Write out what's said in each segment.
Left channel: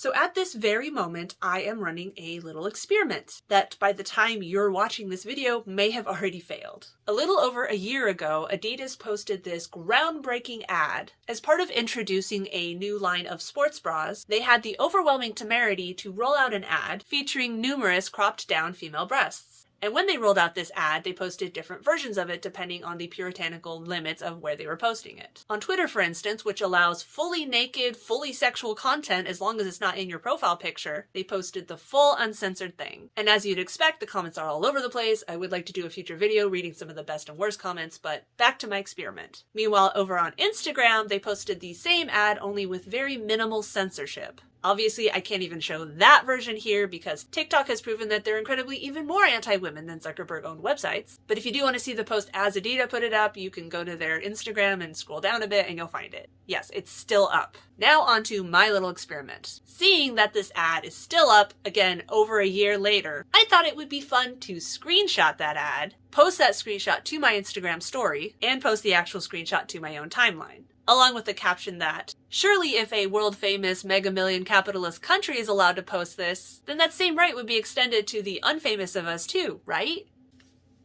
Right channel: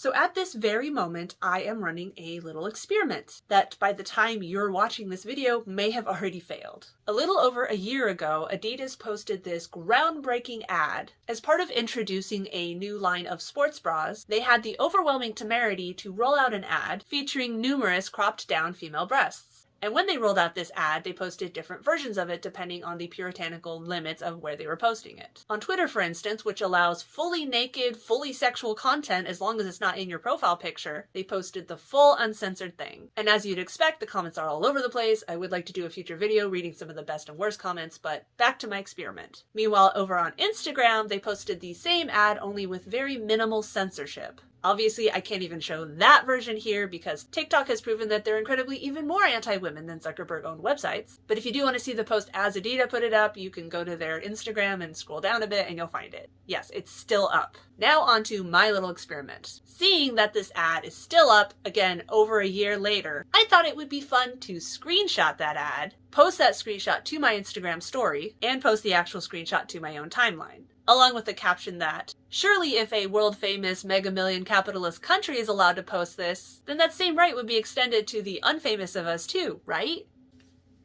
So at this very moment, I am running a little experiment that by the time you're watching this video may have already failed. A little over a year ago, Adidas posted this groundbreaking ad. As part of introducing a new line of sports bras, they had the overwhelming temerity to roll out an ad featuring numerous cropped down female breasts. And when they rolled out this ad, they posted different versions of it depending on the puritanical limits of where they were posting it. On Twitter, for instance, which allows fully naked, fully sexual content as long as it's not in your profile picture, they posted the full uncensored thing. And as you'd expect, the comments are all over the place. I would like to do a future video reading some of the best and worst comments, but back to my experiment. Meanwhile, over on Instagram, they posted the same ad only with very minimal censorship. Obviously, I can't even show that version here because TikTok has proven that they're incredibly even more anti-women than Zuckerberg-owned websites. But if you do want to see the post as Adidas put it up, you can go to their Instagram and scroll down a bit and you'll find it. Yes, it's still up. Now on to my little experiment. Seeing that this ad is still up, again, over a year later, I thought it would be fun to screenshot that ad, post that screenshot to my Instagram story, and post the actual screenshot to my own timeline. Along with the caption that, surely if a world-famous mega-million capitalist country is allowed to post this, then that same right would be extended to the unfamous of us too, right?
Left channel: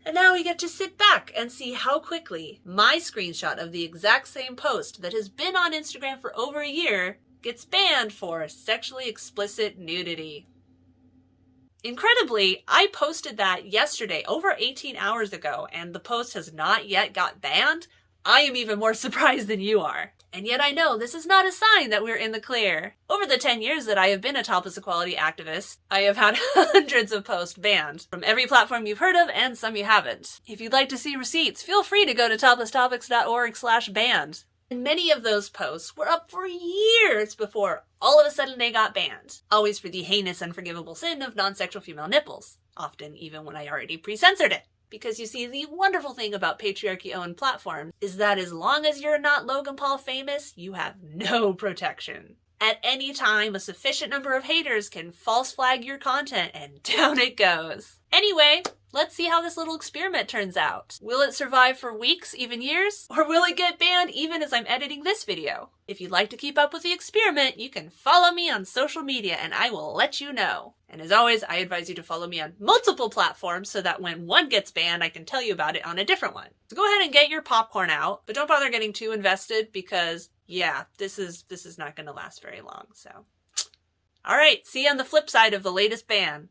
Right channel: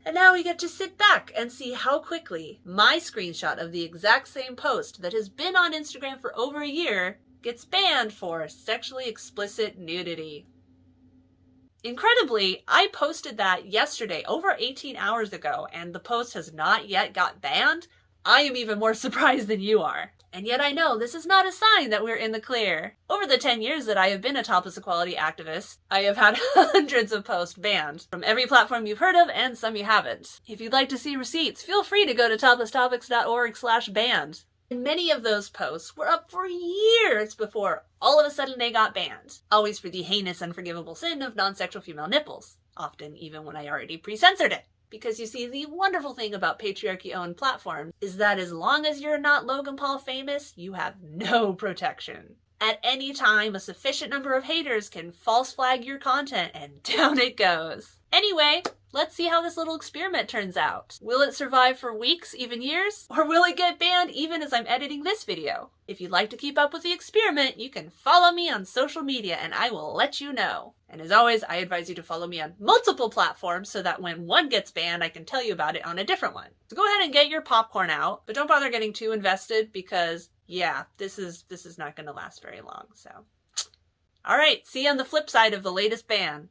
And now we get to sit back and see how quickly my screenshot of the exact same post that has been on Instagram for over a year gets banned for sexually explicit nudity. Incredibly, I posted that yesterday, over 18 hours ago, and the post has not yet got banned. I am even more surprised than you are. And yet I know this is not a sign that we're in the clear. Over the 10 years that I have been a topless equality activist, I have had hundreds of posts banned from every platform you've heard of and some you haven't. If you'd like to see receipts, feel free to go to toplesstopics.org/banned. And many of those posts were up for years before all of a sudden they got banned. Always for the heinous, unforgivable sin of non-sexual female nipples. Often even when I already pre-censored it. Because you see, the wonderful thing about patriarchy-owned platforms is that as long as you're not Logan Paul famous, you have no protection. At any time, a sufficient number of haters can false flag your content, and down it goes. Anyway, let's see how this little experiment turns out. Will it survive for weeks, even years? Or will it get banned even as I'm editing this video? If you'd like to keep up with the experiment, you can follow me on social media and I will let you know. And as always, I advise you to follow me on multiple platforms so that when one gets banned, I can tell you about it on a different one. So go ahead and get your popcorn out, but don't bother getting too invested because, yeah, this is not going to last very long. So, all right, see you on the flip side of the latest ban.